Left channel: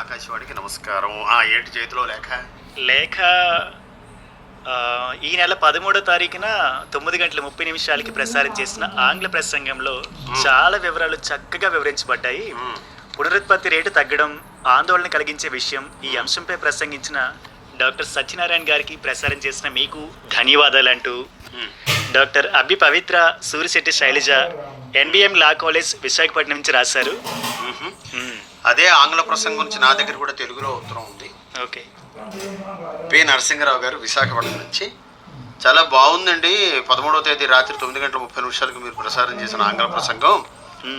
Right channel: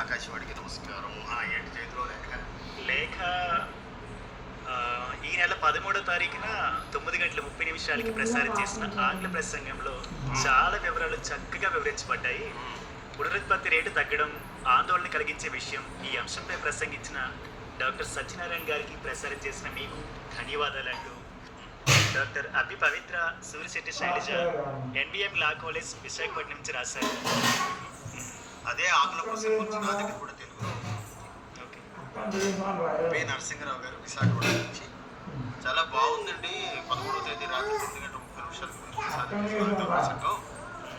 ఆకాశవాణికి నమస్కారం. ఏంటి చేతిలో లేఖ? లేఖ ఈ నెల 13వ తారీఖున 9:30 ప్రసారం చేసిన ఆంగ్ల ప్రసంగంలో చాలా వివరాలు చక్కగా వివరించబడ్డాయి. పునరుత్పత్తి రేటు తగ్గడం ఆందోళన కలిగించే విషయం. ఈ అంశంపై ప్రసంగించిన డాక్టర్ సత్యనారాయణ గారికి, ప్రసారం చేసిన మీకు ధన్యవాదాలంటూ doctor Abbi Pavitra Surisetty Shailaja, NBM law college Visakhapatnam నుంచి రాశారు. అదే ఆంగ్ల ప్రసంగం గురించి నా దగ్గర కూడా తెలుగులో ఉత్తరం ఉంది. ఓకే. పి నరసింహరావు గారు విశాఖపట్నం నుంచి. చాలా బాగుందండి. 13వ తేదీ రాత్రి 9:30 మీరు ప్రసారం చేసిన ఆంగ్ల ప్రసంగం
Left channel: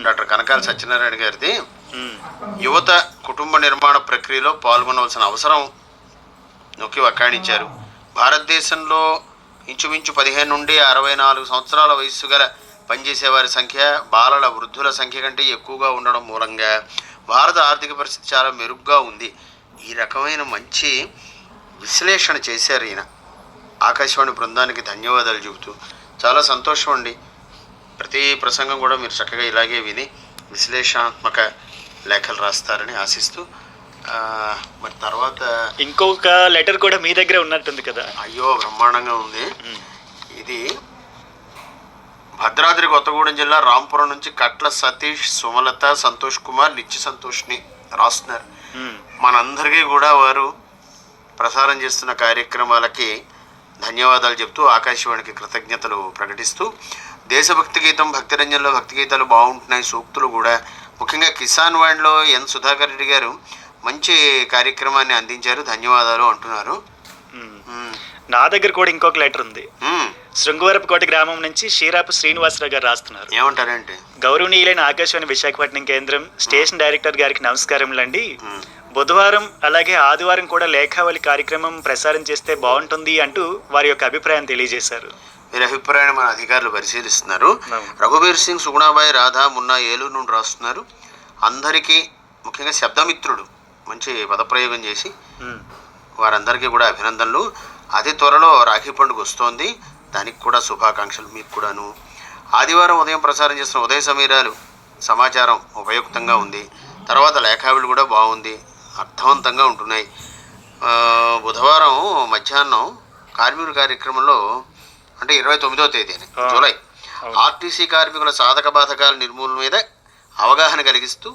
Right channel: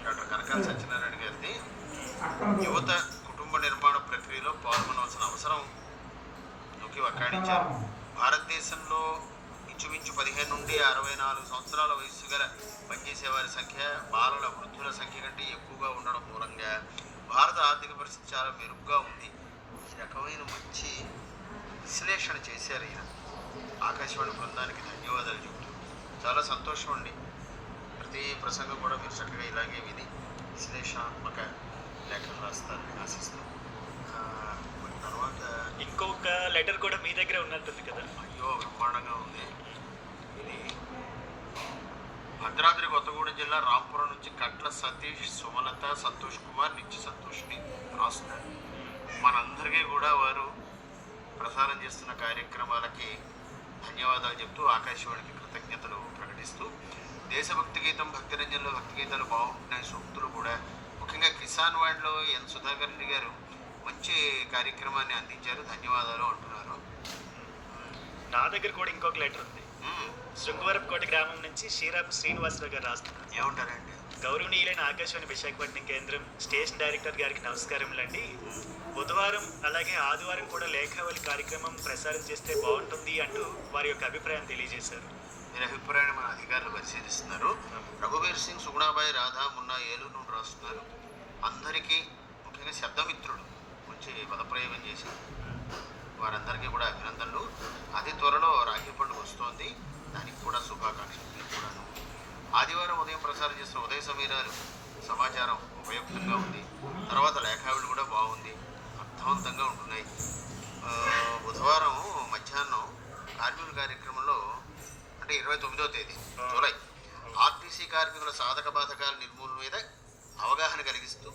డాక్టర్ కనకాల సత్యనారాయణ గారిది. యువత కుటుంబ నిర్మాణ ప్రక్రియలో పాల్గొనవలసిన అవసరం నొక్కి వక్కాణించారు. భారతదేశంలో ఇంచుమించు 15 నుండి 64 సంవత్సరాల వయస్సు గల పనిచేసే వారి సంఖ్య బాలల వృద్ధుల సంఖ్య కంటే ఎక్కువగా ఉండడం మూలంగా భారత ఆర్థిక పరిస్థితి చాలా మెరుగ్గా ఉంది. ఈ రకమైన మంచి విశ్లేషణ చేశారు ఈయన. ఆకాశవాణి బృందానికి ధన్యవాదాలు చెబుతూ చాలా సంతోషం అండి. ప్రతి ప్రసంగం కూడా మీరు చక్కగా ఇలాగే విని విశ్లేషణాత్మక లేఖలు రాస్తారని ఆశిస్తూ, మరి తర్వాత ఇంకొక లెటర్ కూడా మీ దగ్గర ఉన్నట్టుంది కదా? అయ్యో, బ్రహ్మాండంగా ఉంది. ఇది భద్రాద్రి కొత్తగూడెం జిల్లా రాంపురం నుంచి కట్ల సతీష్, సుమలత, సంతోష్ కుమార్, నిత్య సంతోష్ని రాస్తున్నారు. మనందరికీ కూడా వారు ప్రసారం చేస్తున్న కార్యక్రమాలకి ధన్యవాదాలు చెప్తూ, ఆకాశవాణికి కృతజ్ఞతలు ప్రకటిస్తూ, దేశభక్తి గీతం, భక్తిరంజన్లో భక్తి గీతాలు బాగుంటున్నాయి, సూక్తులు కూడా. ముఖ్యంగా కిసాన్ వాణిలో ఎన్ సుధాకర్ రెడ్డి గారు మంచి కార్యక్రమాన్ని అందించారు, ధన్యవాదాలు అంటున్నారు. నా దగ్గర కూడా ఇంకొక లెటర్ ఉంది. శృంగవరపుకోట గ్రామం నుంచి షీరాపు శ్రీనివాసరావు గారు రాస్తున్నారు. ఏమంటారంటే, గౌరవనీయులైన ఆకాశవాణి విశాఖపట్నం కేంద్రం స్టేషన్ డైరెక్టర్ గారికి నమస్కారములండి. బుధవారం అలాగే ఆదివారం కూడా లేఖావళి కార్యక్రమం ప్రసారం చేస్తే బాగుంటుంది అంటూ వారి యొక్క అభిప్రాయం తెలియజేశారు. వీరి అభిప్రాయాన్ని మన అధికారులు పరిశీలిస్తున్నారు. రఘుబీర్ సింగ్, సుగుణాబాయి, రాధా, మున్నా ఏలూరు నుండి రాస్తున్నారు. అందరికీ, ముఖ్యంగా శబ్దమిత్రుడు మంచి పదప్రయోగం చేసి వారందరికీ కూడా అభినందనలు. అతి త్వరలో రాఖీ పండుగ వస్తోంది, దానికి కూడా శుభాకాంక్షలు మీకు కూడాను. ఆదివారం ఉదయం ప్రసారం చేసిన ఉదయ సమీరాలు సమాచారం ఉపయుక్తంగా ఉంది. తర్వాత లేఖావిళ్ళు కూడా బాగుంది, అర్థవంతంగా ఉంటున్నాయి. బుధవారం మధ్యాహ్నం కార్మికుల కార్యక్రమంలో, అంటే 29వ తేదీ జూలై, ఆర్టీసీ కార్మికుల సాధక బాధకాల నిర్మూలన మీద అవగాహన కలిగిస్తూ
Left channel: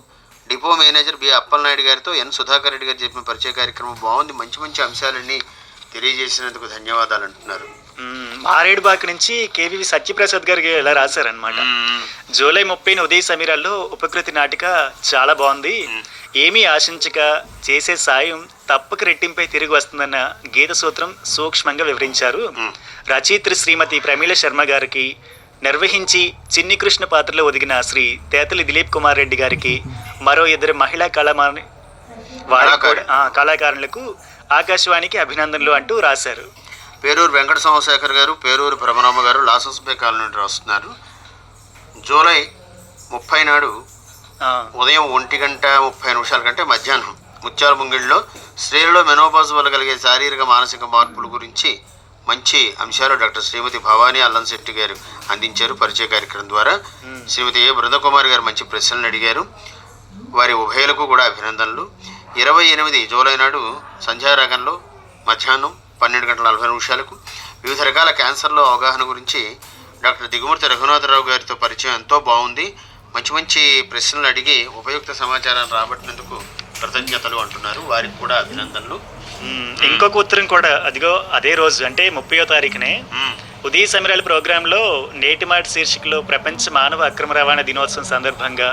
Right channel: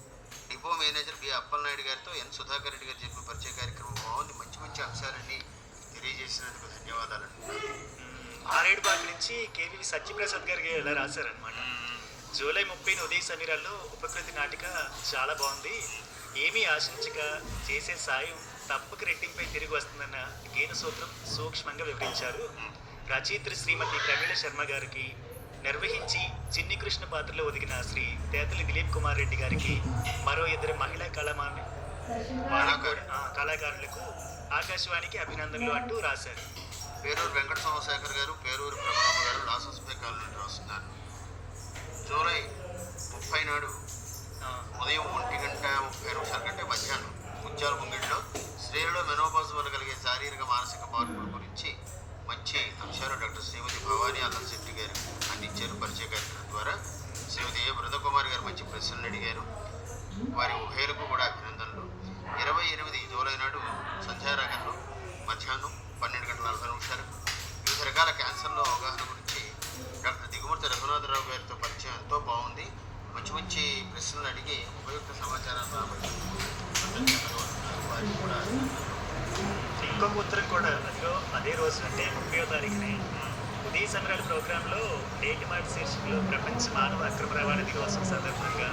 డిపో మేనేజర్ బి అప్పలనాయుడు గారితో ఎన్ సుధాకర్ రెడ్డి గారు చెప్పిన పరిచయ కార్యక్రమం బాగుంది. మంచి మంచి అంశాలన్నీ తెలియజేసినందుకు ధన్యవాదాలు అంటున్నారు. మారేడుబాక నుంచి కేవీవి సత్యప్రసాద్ గారికి ఇలా రాశారనమాట. జూలై 30న ఉదయ సమీరాల్లో ఉపకృతి నాటిక చాలా బాగుంది. ఏమీ ఆశించక చేసే సాయం తప్పక రెట్టింపై తిరిగి వస్తుందన్న గీత సూత్రం సూక్ష్మంగా వివరించారు. రచయిత్రి శ్రీమతి ప్రమీల శర్మ గారికి, నిర్వహించి చిన్ని కృష్ణ పాత్రలో ఒదిగిన శ్రీ తేతలి దిలీప్ కుమార్ రెడ్డి గారికి, మరో 2 మహిళా కళాకారులకు ఆకాశవాణికి అభినందనలు అంటూ రాశారు. పేరూరు వెంకట సోమశేఖర్ గారు, పేరూరు భ్రమరామ గారు లాసన్స్బే కాలనీ నుండి రాస్తున్నారు. జూలై 30 నాడు ఉదయం 1:30 కంటే మధ్యాహ్నం ముత్యాల ముంగిళ్ళలో స్త్రీలలో మెనోపాజ్ వల్ల కలిగే శారీరక మానసిక మార్పుల గురించి మంచి అంశాలు డాక్టర్ శ్రీమతి భవానీ అల్లంశెట్టి గారు అందించారు పరిచయ కార్యక్రమం ద్వారా. శ్రీమతి ఏ బృందకుమారి గారు మంచి ప్రశ్నలు అడిగారు. వారి ఉభయలకు కూడా అభినందనలు. 28 జూలై నాడు సంధ్యారాగంలో మధ్యాహ్నం 12:40 వివిధ రకాల క్యాన్సర్లో అవగాహన గురించి డాక్టర్ దిగుమూర్తి రఘునాథరావు గారితో పరిచయం ఎంతో బాగుంది. మంచి మంచి ప్రశ్నలు అడిగి ఉపయుక్త సమాచారాన్ని రాబట్టినందుకు కృతజ్ఞతలు అంటున్నారు. వారికి కూడా అభినందనలు. ఇంకొక ఉత్తరం కూడా అదే రోజు, అంటే 30వ తారీఖునే ఉదయ సమీరాల ప్రోగ్రాంలో నేటి మాట శీర్షికలో ప్రపంచ మానవ అక్రమ రవాణా దినోత్సవం సందర్భంగా,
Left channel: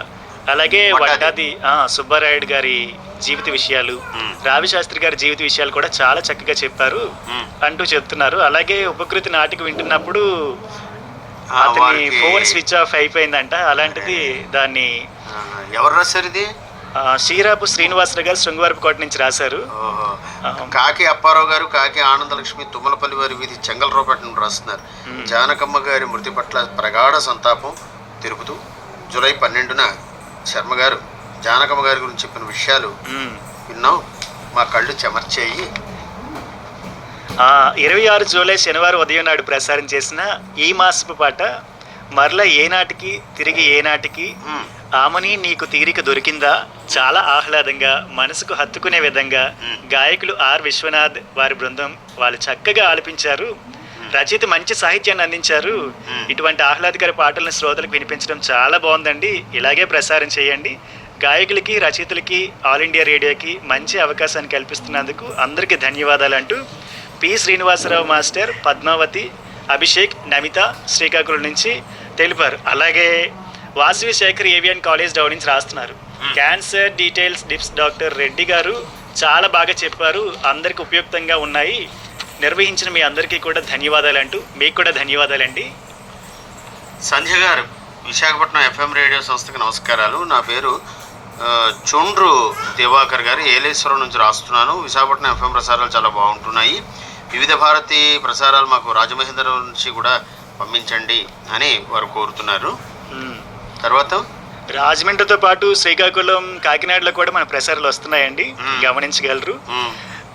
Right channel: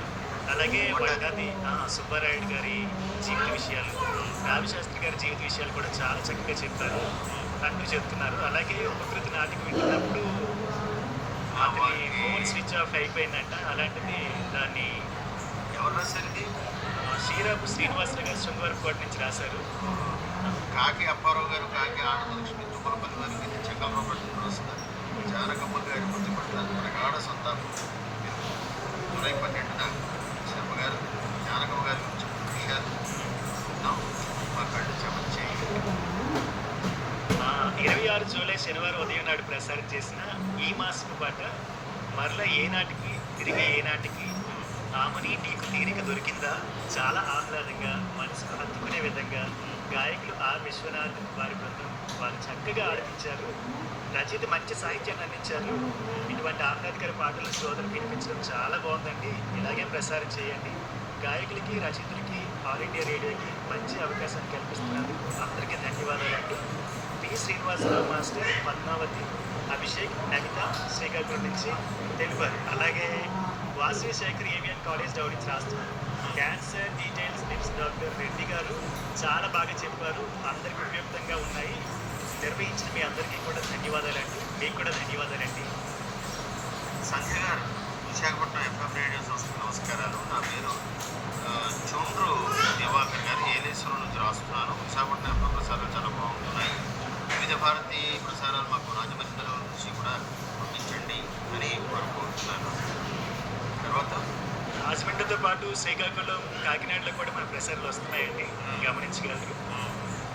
అలాగే వడ్డాది సుబ్బారాయుడు గారి జీవిత విషయాలు, రావిశాస్త్రి గారి జీవిత విషయాలు కూడా చాలా చక్కగా చెప్పారు అంటూ చెప్తున్నారు. అలాగే ఉపకృతి నాటిక వింటున్నప్పుడు అతని ఫోన్ స్విచ్ ఆఫ్ అయిపోయిందంట. అలాంటిది దాన్ని ఎవరు రాశారు? ఇది షీరాపు శ్రీనివాసరావు గారు శృంగవరపుకోట నుంచి రాశారు. కాకి అప్పారావు గారు, కాకి ఆనందలక్ష్మి, తుమ్మలపల్లి వారి వీధి చెంగల్రావుపేట నుండి రాస్తున్నారు. జానకమ్మ గారి మృతి పట్ల ప్రగాఢ సంతాపం తెలుపుతూ జూలై 12న శర్మ గారు జానకమ్మ గారి గురించి చెప్పిన విషయాలు విన్నాం, మా కళ్ళు చెమర్చేయి. 26 జూలై శనివారం ఉదయం నాడు ప్రసారం చేసిన ఈ మాసపు పాట మరలా ఏనాటికి తిరిగి ఏనాటికి ఆమని నీకు తీరిక దొరికిందా చాలా ఆహ్లాదంగా మనసుకు హత్తుకునే విధంగా గాయకులు ఆర్ విశ్వనాథ్ వారి బృందం వాళ్ళు చక్కగా ఆలపించారు. రచయిత మంచి సాహిత్యాన్ని అందించారు. ఇటువంటి ఆహ్లాదకర పాటలను శ్రోతలకు వినిపించడం చాలా బాగుందండి. ఇలాగే ప్రసారం చేయండి. గాయకులకి రచయితలకి ఆల్ ఇండియా రేడియోకి మంచి అవకాశాన్ని కల్పిస్తున్నందుకు అందరికీ ధన్యవాదాలు అంటూ పి శ్రీనివాసరావు మాస్టర్, పద్మావతి, అభిషేక్, నమిత శ్రీకాకుళం నుంచి తెలిపారు. అలాగే వాసవి శేఖర్ ఏవియన్ కాలేజ్ డౌన్ నుంచి రాస్తున్నారు. క్యాన్సర్ డీటెయిల్స్ డిప్స్ డాక్టర్ రెడ్డి గారు చాలా బాగా చెప్పారు, అందరికి ఉపయుక్తంగా ఉన్నాయి, నిర్వహించిన మీ అందరికీ కూడా ధన్యవాదాలు అంటూ మీకు కూడా ధన్యవాదాలండి. సంధ్య గారు, విశాఖపట్నం ఎఫ్ఎం రేడియో సంస్థకి నమస్కారాలు. నా పేరు చొండ్రు దివాకర్ గారు, ఏలేశ్వరం నుంచి రాస్తున్నాను. విశాఖపట్నం ఎఫ్ఎం ప్రసారాలు చాలా బాగుంటున్నాయి. వివిధ భారతి ప్రసారాలు మాకు రాజమహేంద్రం నుంచి కూడా పంపించండి అని వారు కోరుతున్నారు. తర్వాత రాజమండ్రితో పాటు శ్రీకాకుళం, కాకినాడలో కూడా మన ప్రసారాలు వస్తున్నాయండి, గమనించగలరు.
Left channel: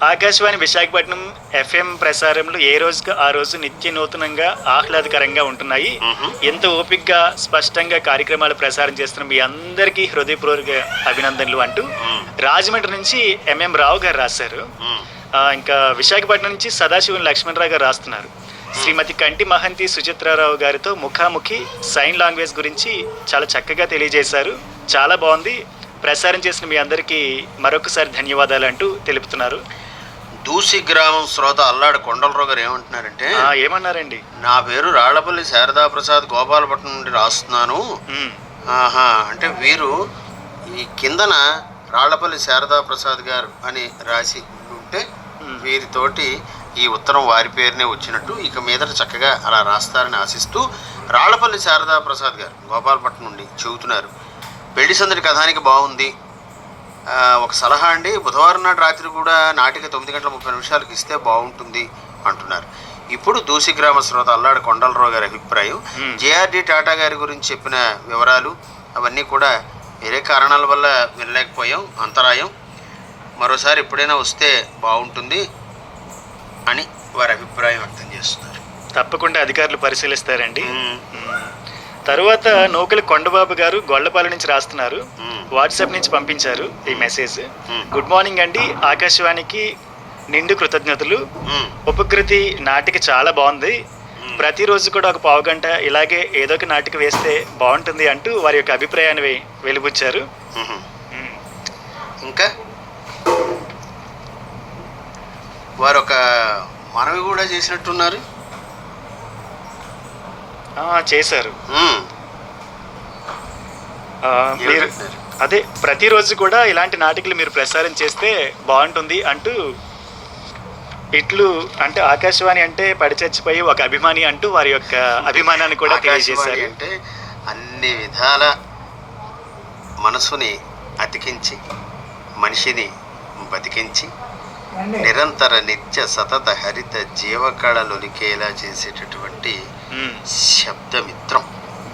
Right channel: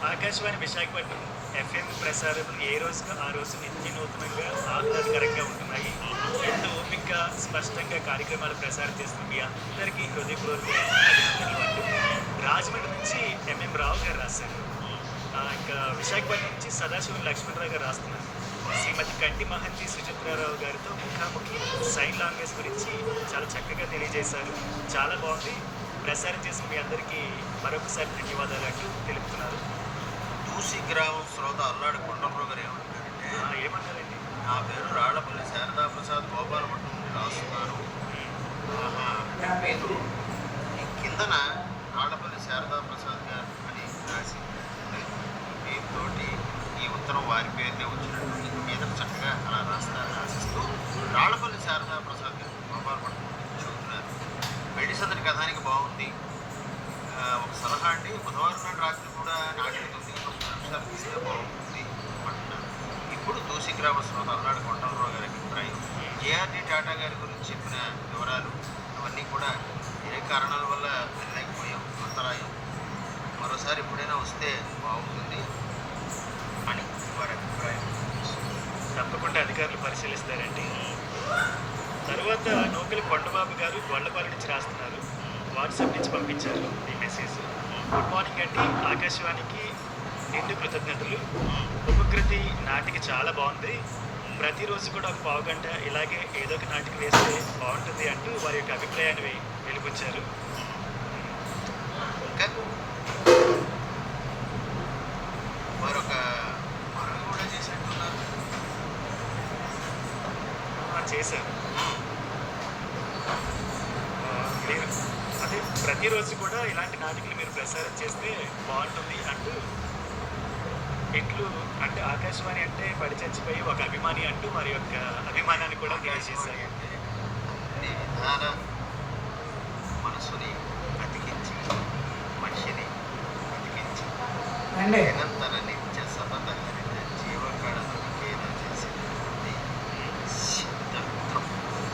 ఆకాశవాణి విశాఖపట్నం ఎఫ్ఎం ప్రసారంలో ఏ రోజుకి ఆ రోజు నిత్య నూతనంగా ఆహ్లాదకరంగా ఉంటున్నాయి. ఎంత ఓపికగా స్పష్టంగా కార్యక్రమాలు ప్రసారం చేస్తున్న మీ అందరికీ హృదయపూర్వక అభినందనలు అంటూ రాజమండ్రి నుంచి ఎంఎం రావు గారు రాశారు. ఇంకా విశాఖపట్నం నుంచి సదాశివం లక్ష్మణరావు గారు రాస్తున్నారు. శ్రీమతి కంటి మహంతి సుచిత్రారావు గారితో ముఖాముఖి సైన్ లాంగ్వేజ్ గురించి చాలా చక్కగా తెలియజేశారు, చాలా బాగుంది. ప్రసారం చేసిన మీ అందరికీ మరొకసారి ధన్యవాదాలు అంటూ తెలుపుతున్నారు. దూసి గ్రామం శ్రోత అల్లాడు కొండలరావు గారు ఏమంటున్నారంటే, ఏమన్నారండి? నా పేరు రాళ్లపల్లి శారదా ప్రసాద్, గోపాలపట్నం నుండి రాస్తున్నాను. అంటే వీరు ఈ కిందన రాళ్లపల్లి శారదా ప్రసాద్ గారు అని రాసి ఉంటే వీరితోటి ఈ ఉత్తరం వారి పేరునే వచ్చినట్టు, ఇక మీదట చక్కగా అలా రాస్తారని ఆశిస్తూ రాళ్లపల్లి శారదా ప్రసాద్ గారు గోపాలపట్నం నుండి చెబుతున్నారు. పెళ్లి సందడి కథానికి బాగుంది. ఒక సలహా అండి, బుధవారం నాడు రాత్రి కూడా నాటిక 9:30 ఇస్తే బాగుంటుంది అంటున్నారు. ఇప్పుడు దూసి గ్రామ శ్రోత అల్లాడు కొండలరావు గారి అభిప్రాయం. జేఆర్డి టాటా గారి గురించి చెప్పిన వివరాలు అవన్నీ కూడా వేరే కారణాల వల్ల వినలేకపోయాం, అంతరాయం. మరోసారి ఎప్పుడైనా వస్తే బాగుంటుంది అని వారి అభిప్రాయం వ్యక్తం చేస్తున్నారు. తప్పకుండా అధికారులు పరిశీలిస్తారండి. తర్వాత నూకలి కొండబాబు గారు గొల్లపాలెం నుంచి రాస్తున్నారు. వాట్సాప్ నుంచి పంపించారు ఈ మెసేజ్. గుడ్ మార్నింగ్ అండి, ఆకాశవాణికి నిండు కృతజ్ఞతలు. ఉపకృతి నాటిక చాలా బాగుంది. ప్రతిరోజు కూడా ఒక పావు గంట ఇలాగే ఏదో ఒక నాటిక వేస్తే బాగుంటుంది అంటూ వారి యొక్క అభిప్రాయాన్ని వెలుబుచ్చారు. ఇంకా వారు ఒక మనవి కూడా చేసినట్టున్నారు. చేశారు. మీరు అదే ప్రతిరోజు కూడా ఇలాంటి నాటికలు మీరు ప్రసారం చేస్తే బాగుంటుంది అంటూ, ఇట్లు అంటే ఆకాశవాణి అంటే పడిచచ్చిపోయి ఒక అభిమాని అంటూ వారి యొక్క అభిమానాన్ని కూడా తెలియజేశారు. అంటే అన్ని విధాల మనసుని అతికించి మనిషిని బతికించి నిరంతర నిత్య సతత హరిత జీవకళలొలికేలా చేసేటటువంటి శబ్దమిత్రం.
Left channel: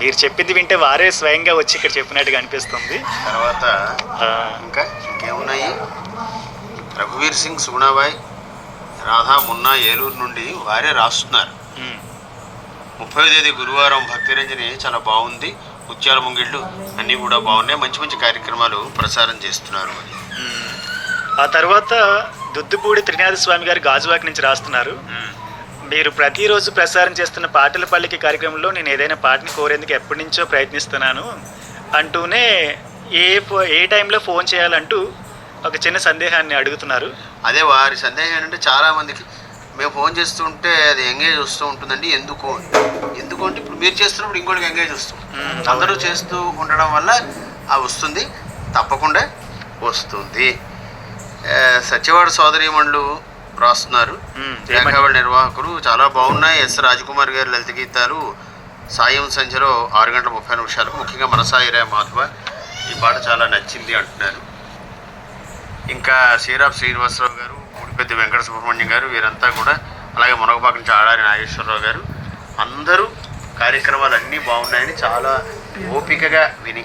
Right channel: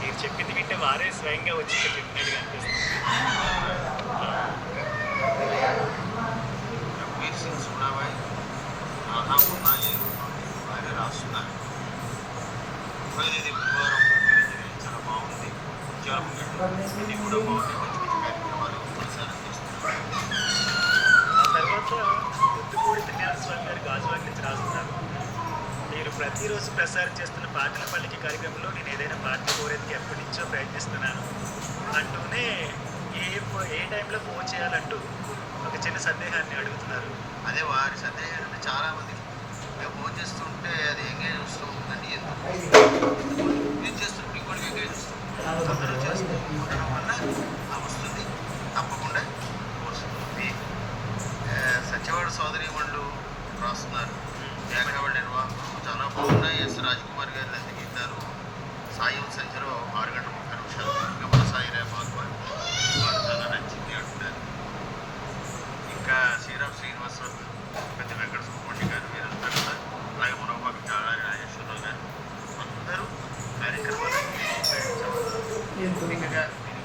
మీరు చెప్పింది వింటే వారే స్వయంగా వచ్చి ఇక్కడ చెప్పినట్టుగా అనిపిస్తుంది. తర్వాత ఇంకా ఇంకేమున్నాయి, రఘువీర్ సింగ్, సుగుణాబాయ్, రాధా మున్నా ఏలూరు నుండి వారే రాస్తున్నారు. 30వ తేదీ గురువారం భక్తిరంజని చాలా బాగుంది, ముత్యాల ముంగిళ్ళు అన్నీ కూడా బాగున్నాయి, మంచి మంచి కార్యక్రమాలు ప్రసారం చేస్తున్నారు. ఆ తర్వాత దుద్దుపూడి త్రినాథ స్వామి గారు గాజువాక నుంచి రాస్తున్నారు. మీరు ప్రతిరోజు ప్రసారం చేస్తున్న పాటల పల్లికి కార్యక్రమంలో నేను ఏదైనా పాటని కోరేందుకు ఎప్పటి నుంచో ప్రయత్నిస్తున్నాను అంటూనే ఏ టైంలో ఫోన్ చేయాలంటూ ఒక చిన్న సందేహాన్ని అడుగుతున్నారు. అదే వారి సందేహం ఏంటంటే, చాలామందికి మేము ఫోన్ చేస్తుంటే అది ఎంగేజ్ వస్తూ ఉంటుందండి, ఎందుకు అంటే ఇప్పుడు మీరు చేస్తున్నప్పుడు ఇంకోటికి ఎంగేజ్ వస్తుంది, అందరూ చేస్తూ ఉండడం వల్ల అది వస్తుంది, తప్పకుండా వస్తుంది. సత్యవాడ సోదరీమణులు రాస్తున్నారు. రేఖావళి నిర్వాహకులు చాలా బాగున్నాయి. ఎస్ రాజకుమార్ గారి లలిత గీతాలు సాయం సంధ్యలో 6:30 ముఖ్యంగా మనసాయిరా మాధవ ఈ పాట చాలా నచ్చింది అంటున్నారు. ఇంకా శ్రీరామ్ శ్రీనివాసరావు గారు, పెద్ద వెంకట సుబ్రహ్మణ్యం గారు, వీరంతా కూడా, అలాగే మునగపాక నుంచి ఆడారి నాగేశ్వరరావు గారు, అందరూ కార్యక్రమాలు అన్నీ బాగున్నాయని చాలా ఓపికగా విని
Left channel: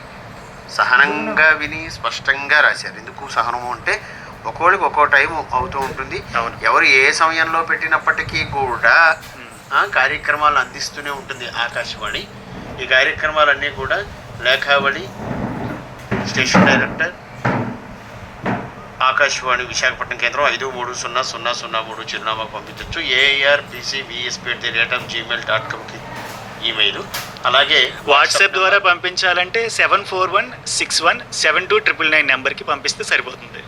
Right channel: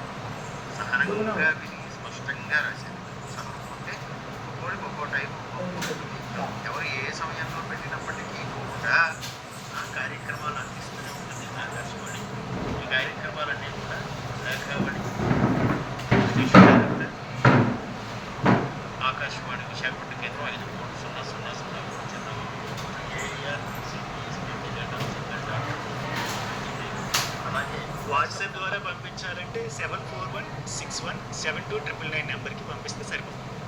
సహనంగా విని స్పష్టంగా రాశారు. ఎందుకు సహనము అంటే ఒక్కోడికి ఒక్కో టైం అవుతూ ఉంటుంది. ఎవరు ఏ సమయంలో పెట్టినప్పటికీ కూడా కార్యక్రమాలు అందిస్తూనే ఉంటుంది ఆకాశవాణి. ఈ కార్యక్రమాలన్నీ కూడా లేఖావళి స్టేషన్ డైరెక్టర్ ఆకాశవాణి విశాఖపట్నం కేంద్రం 530003 చిరునామా పంపించవచ్చు. AARBCVSP@gmail.comకి ఈమెయిల్. అలాగే వాట్సాప్ ద్వారా పంపించాలంటే 7416172999 నెంబర్కి పంపిస్తే సరిపోతుంది.